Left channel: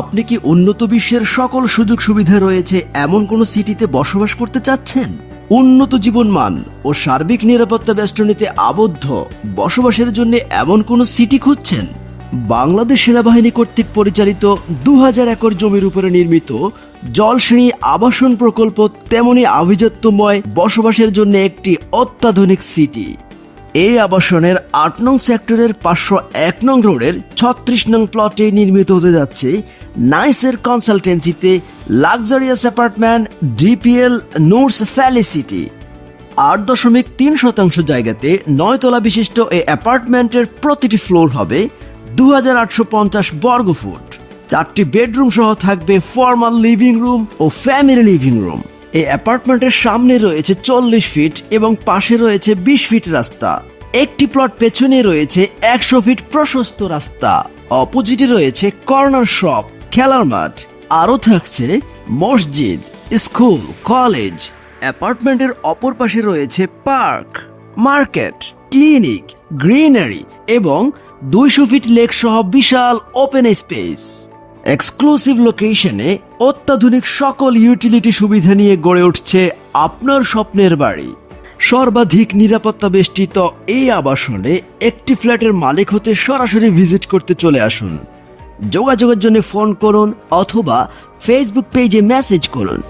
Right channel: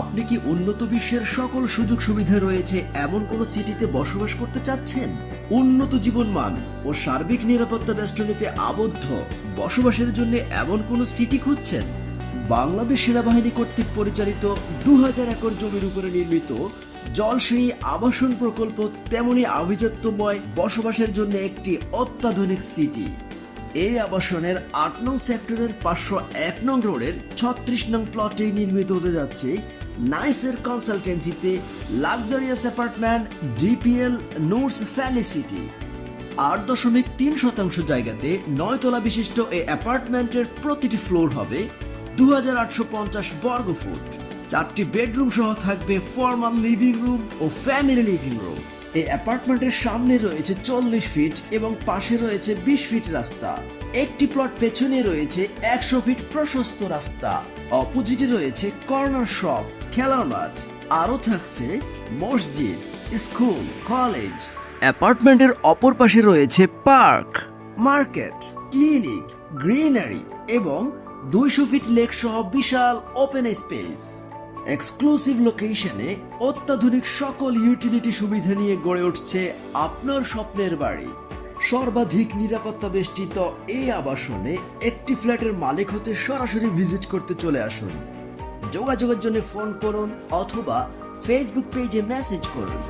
আপনি কি উন্নত বিশ্বের সকল সুযোগ সুবিধা রয়েছে এমন কোন সিটিতে বসবাস করতে চাচ্ছেন? উন্নত জীবনমান ও সার্বিক নিরাপত্তা বেষ্টনীতে আবদ্ধ বসবাসের জন্য এমন কোন সিটি খুঁজছেন? বাংলাদেশ সেনাবাহিনী কর্তৃক পরিচালিত দু হাজার একর জমির উপরে নির্মিত জলশ্রেণী আবাসন প্রকল্প তেমনি আভিজাত্যময় বসবাসের জন্য একটি অত্যাধুনিক সিটি। এই আবাসনের আট নং সেক্টরের পাঁচশো এক নং রোডের ছত্রিশ নং প্লটে নির্মিত হতে যাচ্ছে নাইসের কনসালটেন্সিতে luxurious apartment DPL notes facility আট দশমিক তিন শতাংশ জায়গাতে নয়তলা বিশিষ্ট এই অ্যাপার্টমেন্টের প্রতিটি ফ্লোর হবে দু হাজার আটশো পঞ্চাশ বর্গ ফুট। চারটি বেডরুম সহ থাকবে ফর্মাল লিভিং রুম ও ফ্যামিলি লিভিং রুম এই অ্যাপার্টমেন্টের সামনে রয়েছে চল্লিশ ফিট এবং পাশে রয়েছে বিশ ফিট রাস্তা। একটি প্লট পেছনে রয়েছে একশো ফিট প্রশস্ত রাস্তা। অপোজিটে রয়েছে কর্নার শপ, খেলার মাঠ। আরও থাকছে মসজিদ, স্কুল, কলেজ। অ্যাপার্টমেন্টের অপর পাশে রয়েছে পার্ক, মার্কেট, ক্লিনিক, গ্রিনারি এবং দুইশো ফিট লেক সহ বিশাল ওপেন স্পেস। এক্সক্লুসিভ লোকেশনে অত্যাধুনিক সকল ইউটিলিটি সুবিধা নিয়ে গড়ে উঠছে আপনার স্বপ্নের বাড়ি। সর্বাধিক নিরাপত্তা বেষ্টিত এই আবাসনে একটি ফ্ল্যাটের মালিক হতে সরাসরি ভিজিট করতে চলে আসুন। যোগাযোগের জন্য ফোন করুন অথবা ফেসবুক পেজে মেসেজ করুন।